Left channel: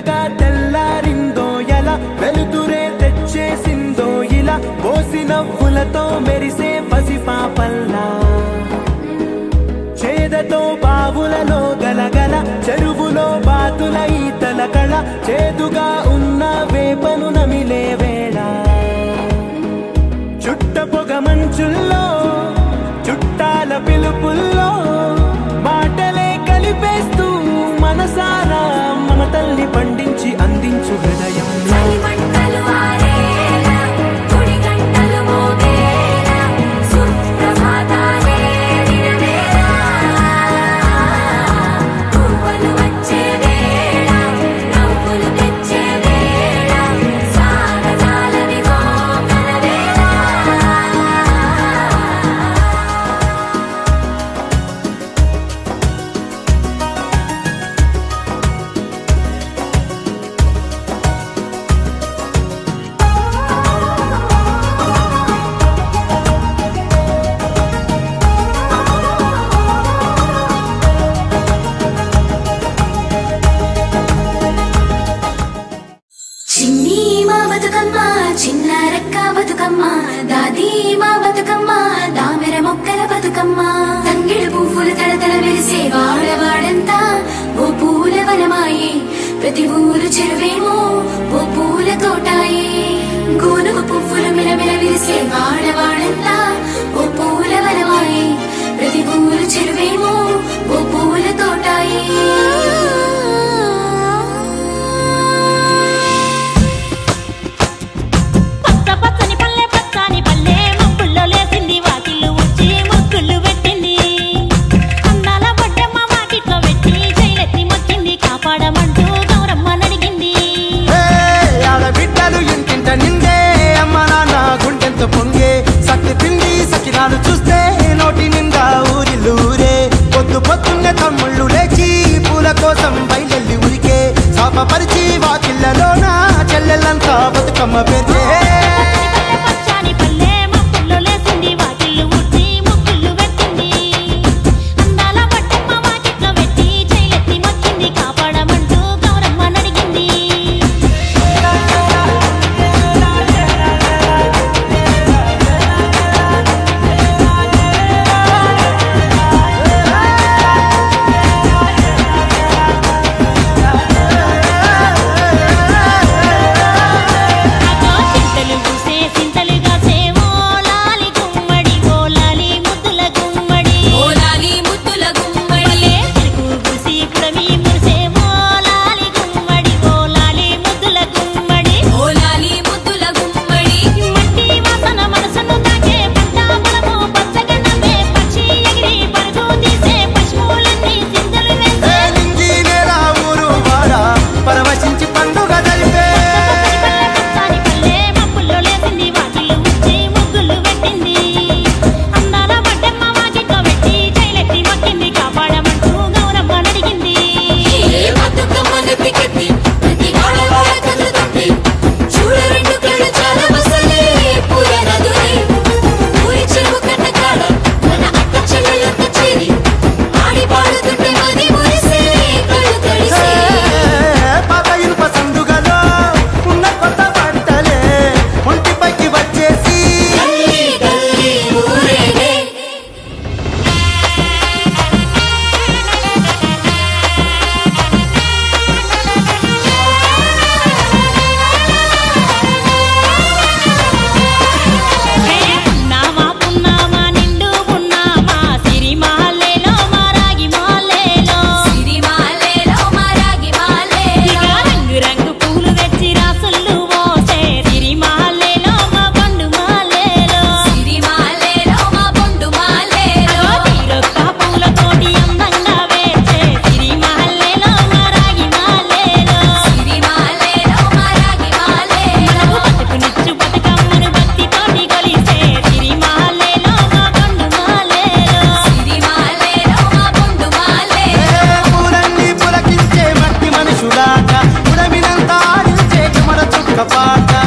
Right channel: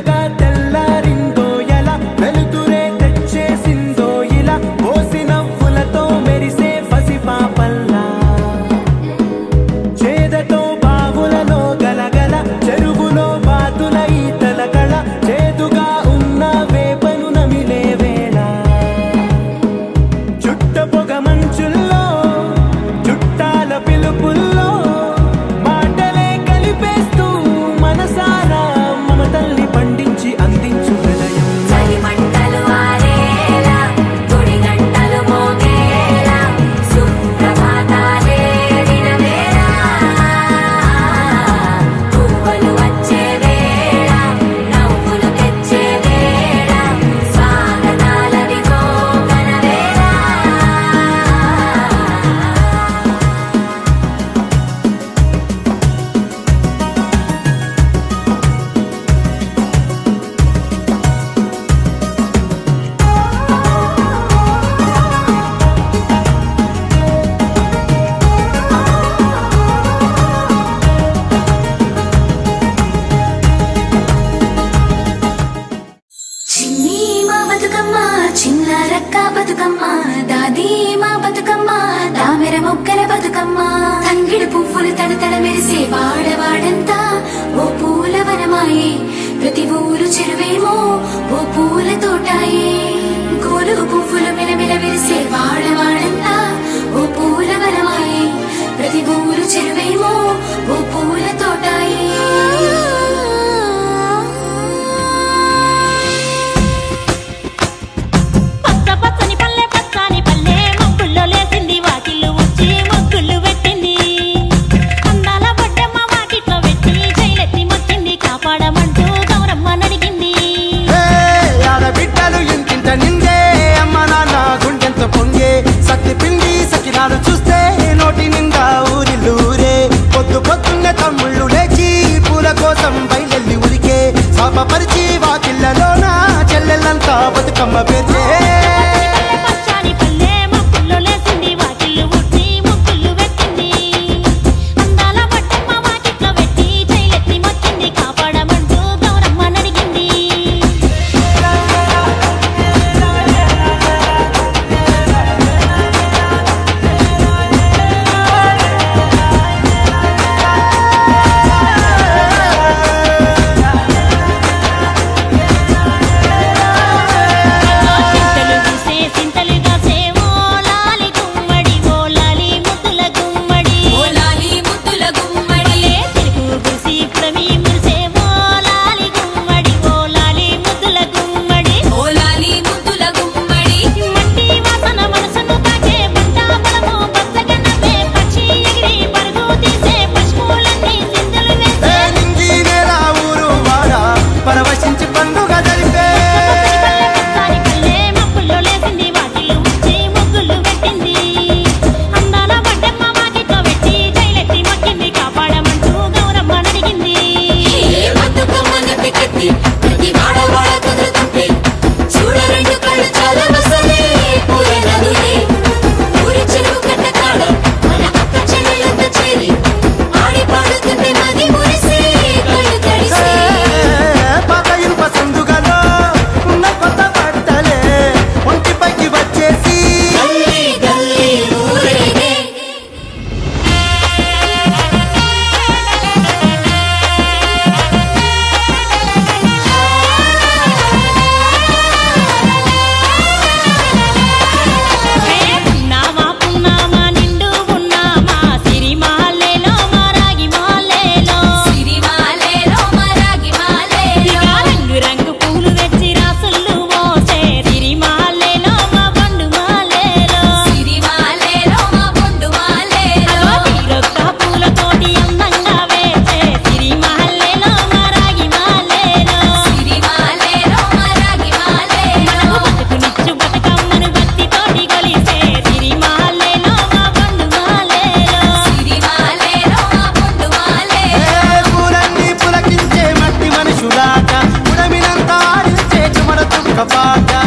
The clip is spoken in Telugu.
మెల్లగా తెల్లారిందో ఎలా వెలుతురే తెచ్చేసిందో ఇలా కోసి నవ్వులతో మెరిసే పసిపాపల్లా చేదతో బావులలో గలగల చెరువులో బాతుల ఈతల కళ చేదుగా ఉన్న వేపను నమిలే వేళ చుట్ట పొగ మంచుల్లో చుట్టాల పిలుపుల్లో మాటలే కలిపేస్తూ మనసారా మమతల్ని పండించి అందించు హృదయం పొంగే సత్తి పిండి సకినాలు చూస్తే నోటి నిండా ఊరిల్లూరే పొద్దు పొద్దున్నే తమ్ముళ్ళు లేచి పూల కోసం బయలెల్లి ఉరికే శాపపరిచి వాకిళ్లలోన చెల్లెళ్ళంతా బతుకమ్మ పేర్చే పరవశించి పండుగ జరిపే మనుషులాట ఉడమినంత ఆడించే చెమర తుక్క పాట